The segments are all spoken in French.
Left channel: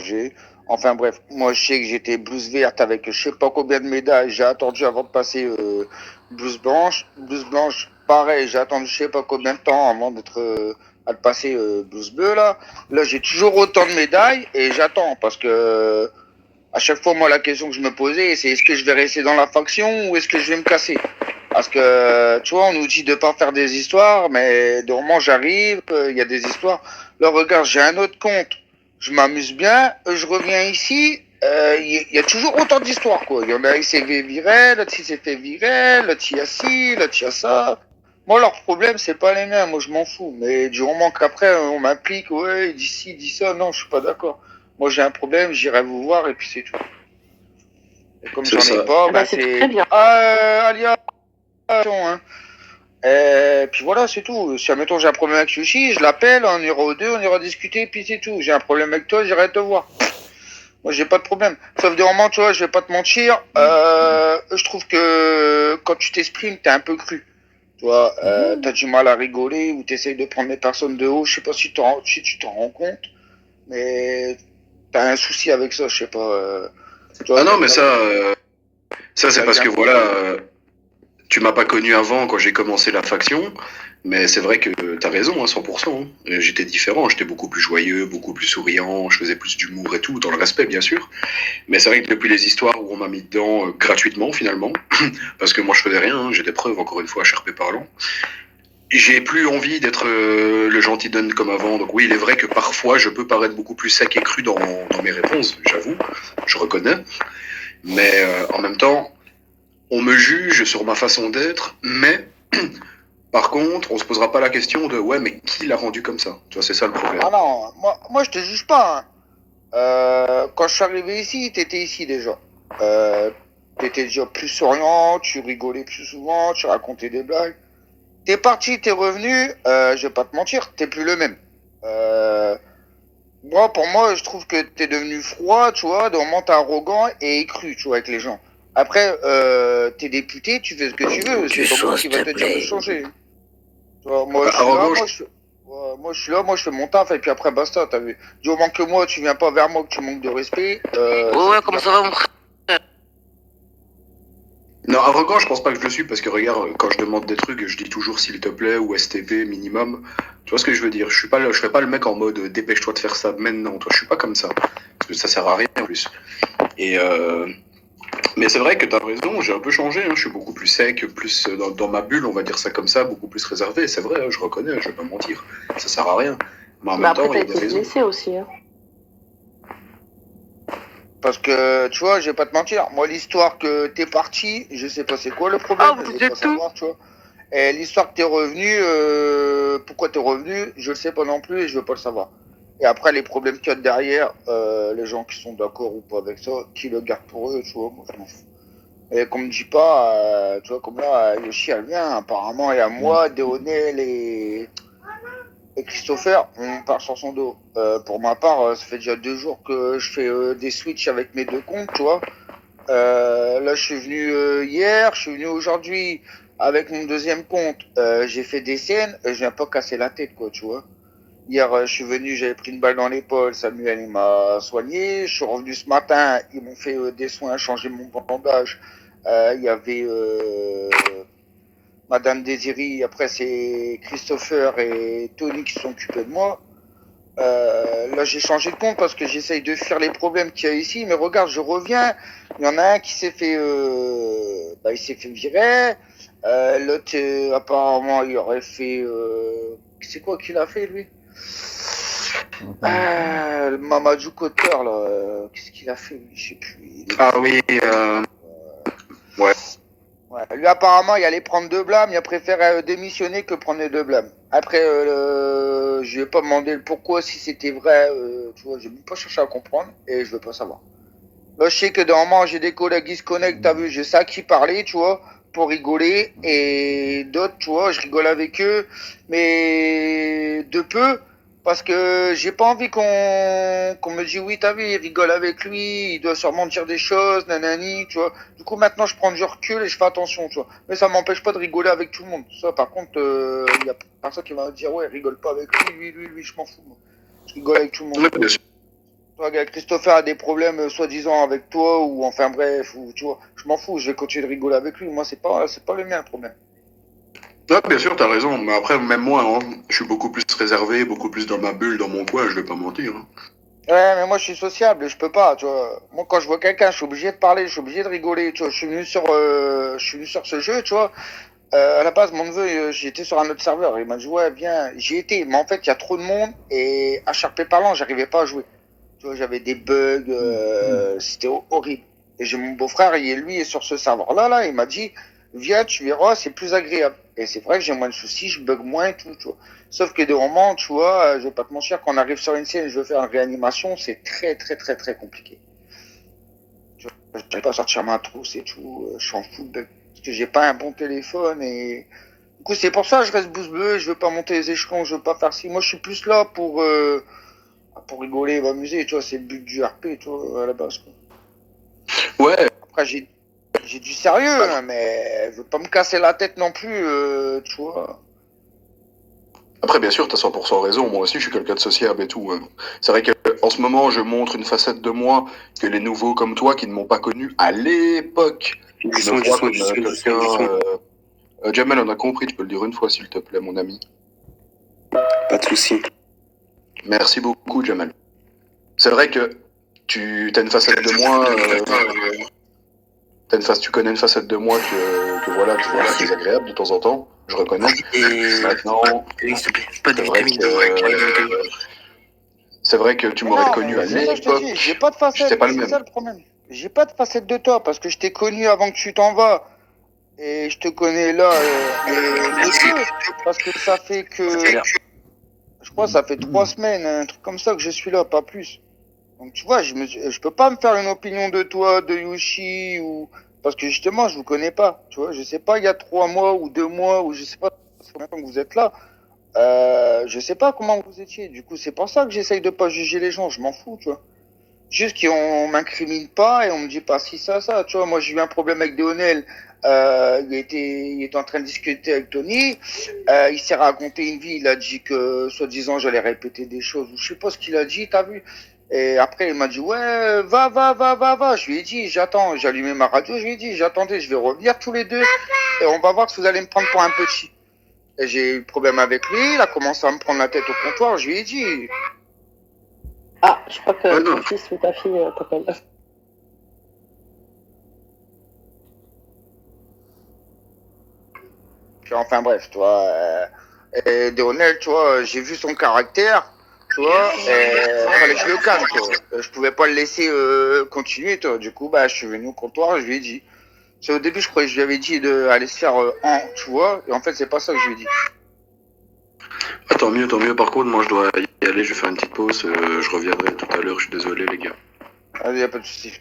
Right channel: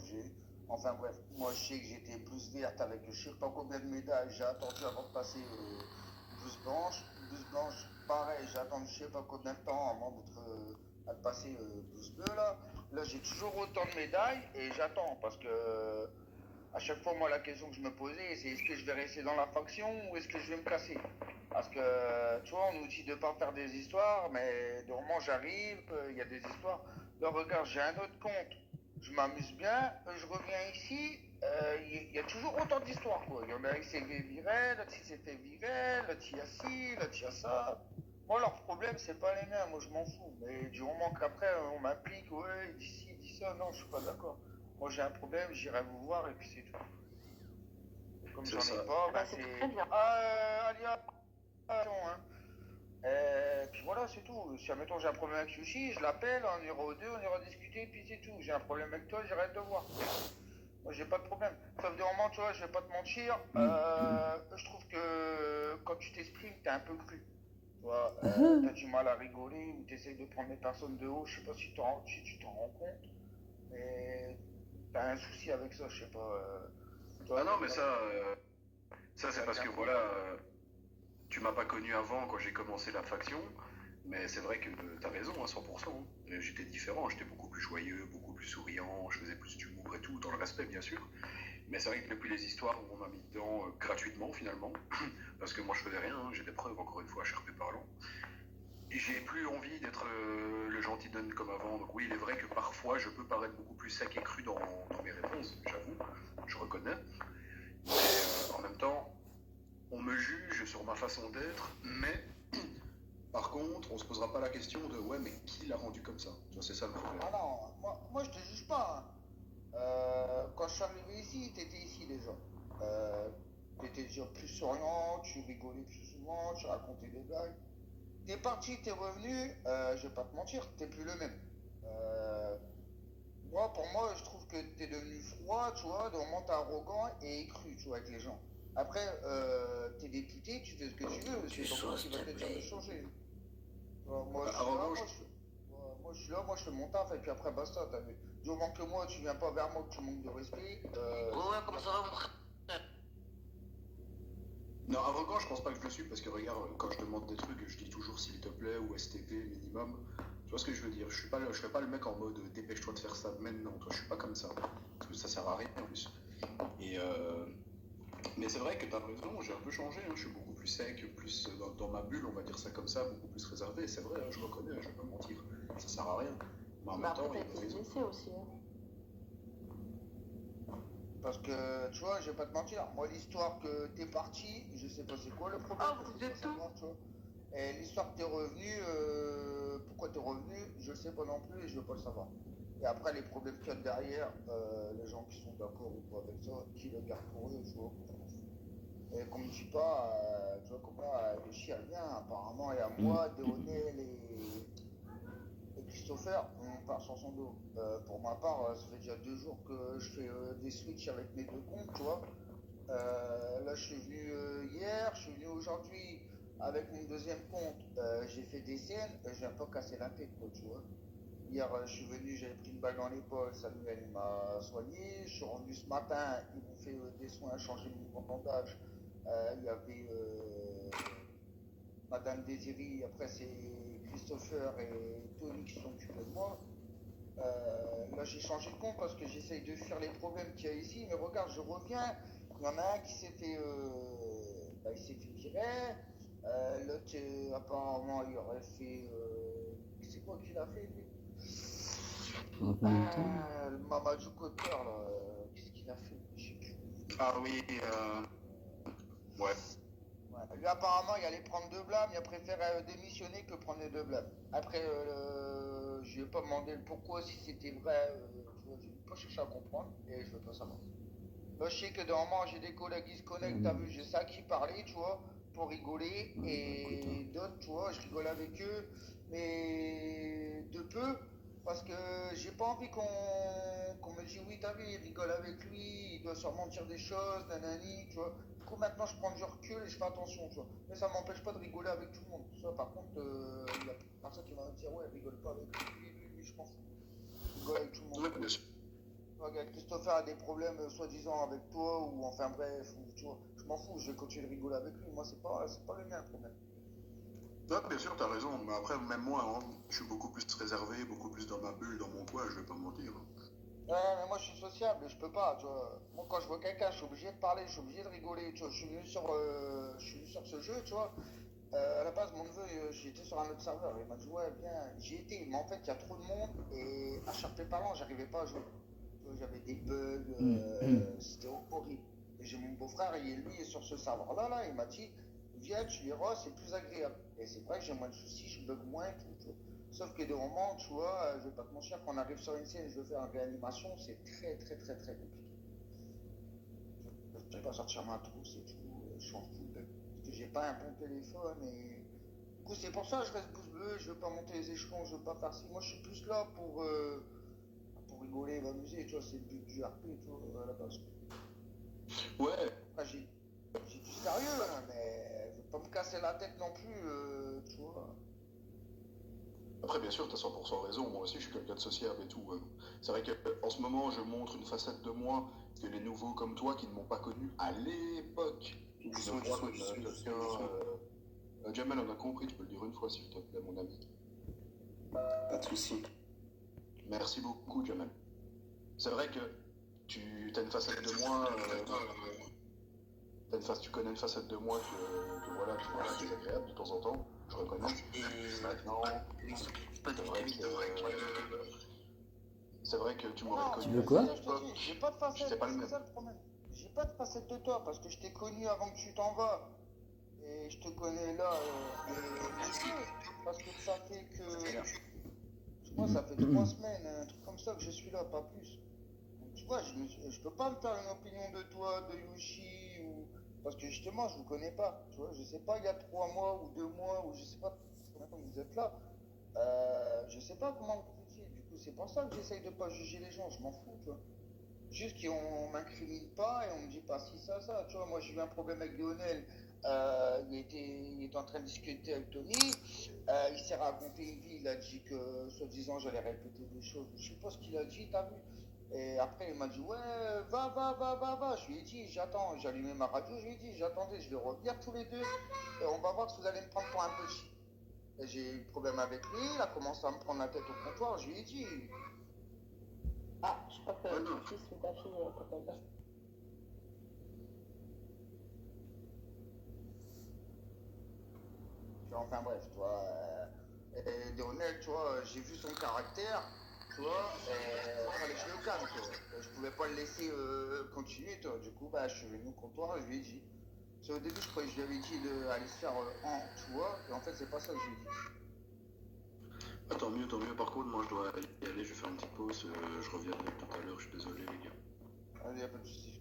j'ai. Enfin bref, moi je sais que j'étais blouse verte avec je sais pas combien de médailles. J'ai attendu avant de passer blouse blanche. Blouse blanche, pareil, j'ai attendu je sais pas combien de temps avant d'être à le passer blouse bleue là. Là j'ai toujours autant de médailles et j'attends parce que à chaque fois moi la question que je me posais c'est est-ce que je vais rester dans la faction ou est-ce que je vais me casser? Parce que, tu vois, on nous dit de pas faire des histoires, mais de moment j'arrive, il y a des histoires. Là, regarde, j'ai un autre compte. Je m'amuse bien, je reviens ici, il y a toujours autant d'histoires, quoi. Il y en a, il s'est fait virer, l'autre, il s'est fait virer, l'autre, il y a ci, l'autre, il y a ça. Moi, leur problème, c'est pas les miens, moi, je m'en fous. Mais du moment qu'après, on m'implique, ouais, il dit ci, il dit ça, non, je suis pas d'accord. Moi, j'ai un problème, j'irai vous voir, et puis c'est tout. Et comme C'est j'en ai ça. pas, Eh ben, ben c'est c'est... très bien. Ah, Alia, hein. Et puis voilà, c'est tout. Si, admettons, j'ai un problème avec Sushi, je l'appelle, on ira aux deux, on ira discuter, puis c'est tout. J'ai un problème avec toi, j'irai te voir. Moi, j'ai pas de problème. Sauf des moments, tu vois, je vais pas te mentir, je trouve que quand tu t'exprimes, t'es un peu cru. Tu vois, t'as du mal à rigoler ou t'essayes de prendre les personnes de haut. Je sais pas si tu t'en rends compte, mais t'as un souci avec ça, je sais pas. Tu vois, Ah non, mais ça c'est t'as parce un que problème. voilà, tu m'as pas connu avant quand j'ai commencé la faction, mais c'est vrai que t'as raison, hein, 100%. Hein. J'étais différent, j'étais beaucoup plus joyeux, beaucoup plus souriant, je faisais plus d'humour et tout, dans le respect bien sûr. Mais c'est vrai que depuis les histoires où on m'a mis dedans gratuitement finalement, parce que moi je faisais rien, hein, j'ai des preuves encore une fois, HRP parlant, j'ai plus envie d'être le gentil donne comme avant. Donc oui, il est vrai que parfois je peux paraître beaucoup plus sec et cru dans mes réponses, j'avoue, je reconnais. Mais en même temps, on me juge sur ma façon d'être, mais par contre, on se posera pas la question de ouais, mais qui l'a rendu comme ça? Tu vois, c'est ça le problème. Ah non, moi je te juge pas, hein. Quand je suis arrivé ici, t'étais ici déjà. Euh, T'étais déjà plus souriant, tu rigolais plus souvent, tu racontais des blagues. T'es parti, t'es revenu, je vais pas te mentir, t'es plus le même. Euh, Moi, pour moi, je trouve que t'es devenu froid, tu vois, de moment t'es arrogant et cru, tu vois, avec les gens. Après, t'es député, tu fais ce que tu veux, Du c'est pas moi sauce, qui s'il va te te dire de plaît. changer. Tu vois, moi, je suis là, Arrogant, moi, je suis là, moi, je fais mon taf, et puis après, basta, t'as vu. Du moment que moi, tu viens pas vers moi, que tu manques de respect, Ouais, c'est ouais, plus comment la ça va, peine. mon frère? non, arrogant, je pense pas que je le suis parce que regarde, quand je demande des trucs, je dis toujours s'il te plaît ou STP minimum. Tu vois ce que je veux dire? Je fais pas le mec en mode dépêche-toi de faire ça maintenant. Toi, je suis pas comme ça parce que ça sert à rien en plus. Et mais c'est vrai que tu as raison, j'ai un peu changé. Hein, je suis beaucoup plus sec, plus dans ma bulle, on va dire ça comme ça, beaucoup plus réservé. C'est vrai, hein, je reconnais, je vais pas mentir. Ça sert à rien. Mais en Bah même après, temps, il t'as y a des été raisons. blessé aussi. Hein. Parce que, tu vois, je vais pas te mentir, moi, l'histoire que t'es parti, je sais pas c'est quoi le Ah, problème, vous je veux disiez pas tout? savoir, tu vois. Et l'histoire que t'es revenu, pourquoi t'es revenu, je le sais pas non plus et je veux pas le savoir. Et après, les problèmes qu'il y a derrière, les gens qui sont d'accord ou pas avec ça, qui le gardent pour eux, tu vois, moi, je m'en fous. Et qu'on me dit pas, tu vois, comme là, Yoshi, elle vient, apparemment, et à moi, Déonel et Christopher, on part sur son dos. Pour ma part, ça fait déjà 2 jours que je fais des switches avec mes deux comptes, tu vois. Là, je suis venu hier, je suis venu aujourd'hui avec mon deuxième compte. J'ai fait des scènes, je viens pas casser la tête, quoi, tu vois. Hier, je suis venu, j'avais pris une balle dans l'épaule, Samuel, il m'a soigné. Je suis revenu ce matin, ils m'ont fait des soins, changé mon bandage. Il y avait Madame Désirée, après c'est Christopher et Tony qui sont occupés de moi. Là, j'ai changé de compte parce que j'essaye de fuir les problèmes qu'il y a ici. Mais regarde, je reviens. Il y en a un qui s'est fait, il s'est fait virer. L'autre, apparemment, il aurait fait. C'est quoi qu'il a fait, lui? Le Mamadou Kotter, là. Qu'est-ce qu'il a fait, lui? Je sais plus. Ah oui, ouais. Ouais. Lui, apparemment, il allait prendre 2 blâmes. Il a préféré démissionner que prendre les 2 blâmes. Après, je lui ai pas demandé le pourquoi, si c'était vrai. Tu vois, j'ai même pas cherché à comprendre et je veux pas savoir. Là, je sais que normalement, j'ai des collègues qui se connectent. T'as vu, j'ai ça qui parlait, tu vois, pour rigoler. Et d'autres, tu vois, je rigole avec eux. Mais de peu. Parce que j'ai pas envie qu'on me dise oui, t'as vu, il rigole avec lui, il doit sûrement dire des choses, nanani, tu vois. Du coup, maintenant, je prends du recul et je fais attention, tu vois. Mais ça m'empêche pas de rigoler avec tout le monde. Ça, par contre, il y a personne qui va me dire ouais, rigole pas avec lui, je m'en fous. Moi. Je rigole avec tout le monde. Ouais, bien sûr. Toi, Christopher a des problèmes, soi-disant, avec toi, ou enfin bref, ou tu vois, je m'en fous, je vais continuer de rigoler avec lui. Moi, c'est pas le mien le problème. Ouais, bien sûr, t'as raison. Mais après, même moi, hein, je suis beaucoup plus réservé, beaucoup plus dans ma bulle, dans mon coin, je vais pas mentir, hein. Ouais, mais moi, je suis sociable, je peux pas, tu vois. Moi, quand je vois quelqu'un, je suis obligé de parler, je suis obligé de rigoler, tu vois. Je suis venu sur ce jeu, tu vois. À la base, mon neveu, j'étais sur un autre serveur. Il m'a dit, ouais, viens, j'y étais. Mais en fait, il y a trop de monde et HRP parlant, j'arrivais pas à jouer. Tu vois, j'avais des bugs, c'était horrible. Et j'ai mon beau-frère, lui est sur ce serveur-là, là, il m'a dit, viens, tu verras, c'est plus agréable. Et c'est vrai que j'ai moins de soucis, je bug moins et tout, tu vois. Sauf que des moments, tu vois, je vais pas te mentir, quand on arrive sur une scène et je veux faire une réanimation, c'est très, très, très, très compliqué. Tu vois, je vais pas sortir ma trousse et tout, je suis en full bug. Parce que j'ai pas un bon téléphone et du coup, c'est pour ça que je reste bouche bée, je veux pas monter les échelons, je veux pas faire ci. Moi, je suis plus là pour rigoler, m'amuser, tu vois, c'est le but du RP, tu vois, à la base, quoi. Ouais, Après, j'ai du sérieux, hein, mais je veux pas me casser la tête non plus, tu vois. après, bien sûr, t'as 100% raison. Moi aussi, je suis quelqu'un de sociable et tout, hein. C'est vrai qu'en ce moment, je montre une facette de moi que les nouveaux comme toi, qui ne m'ont pas connu à l'époque, Du me son, du voient son, comme du son, du son, quelqu'un. du son. Jamel, on a compris, tu peux le dire une fois, s'il te plaît, mon ami. Pas de soucis. Merci beaucoup, Jamel. C'est vrai que tu as une facette de moi. Tu connais une facette de moi que voilà, qui est désagréable de temps en temps. Je reconnais. Et... Maintenant, Oui, s'il te plaît. Pas de c'est vrai vitamines. que c'est vrai que tu Mais m'aurais non, connu à mais c'est ça que je te dis, j'ai l'époque. pas de J'étais facette, pas le c'est même. ça le problème. J'ai pas de facette de toi, parce que je t'ai connu avant que tu t'en vas. Et je te connais là, mais de Merci. peu. Parce que ça fait que, je crois, que ça fait 3 semaines, un truc comme ça que je suis là, pas plus. Donc tu vois, je peux pas me faire une opinion de toi, de Yoshi, ou parce que justement, je vous connais pas. Tu vois, je sais pas, il y a 3 mois ou 2 mois, ou je sais pas combien de temps que vous êtes là. Je sais pas comment vous étiez. Du coup, c'est pour ça que j'essaye de pas juger les gens. Je m'en fous, tu vois. Juste qu'on m'incrimine pas et on me dit pas si ça, ça. Tu vois, moi j'ai eu un problème avec Deonel. Il était en train de discuter avec Tony. Il s'est raconté une vie. Il a dit que, soi-disant, j'allais répéter des choses. Je sais pas ce qu'il a dit, t'as vu? Et après, il m'a dit, ouais, va, va, va, va, va. Je lui ai dit, j'attends. J'ai allumé ma radio. Je lui ai dit, j'attendais. Je vais revenir tous les deux. Et on va voir si vous allez me prendre pour un petit. Et j'ai eu problème avec lui. Il a commencé à me prendre la tête au comptoir. Je lui ai dit, Ah, je crois que Ouais, non. ton fils ou ta fille t'appelle. puis enfin bref, tu vois. Et Deonel, tu vois, j'ai vu son caractère, tu vois, et fallait que je le calme, tu vois. Je pouvais pas le laisser continuer, tu vois. Du coup, bah, je suis venu au comptoir, je lui ai dit. C'est au début, je croyais que je lui avais dit d'aller se faire tu vois, et en fait, c'est pas ça que je lui ai dit. Ah, tant mieux, tant mieux. Par contre, moi, je dois y aller. Je vais faire une petite pause. Je reviendrai tout à l'heure. Je suis désolé, les gars. Allez, y a pas de souci.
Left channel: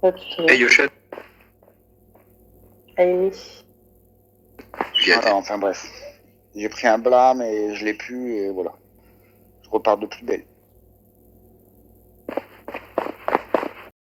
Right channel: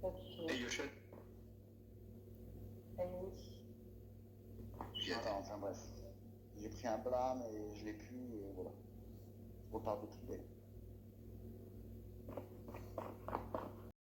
Pas de souci. Hey, Yoshette, Allez, oui. viens. Voilà, enfin bref. J'ai pris un blâme et je l'ai pu, et voilà. Je repars de plus belle.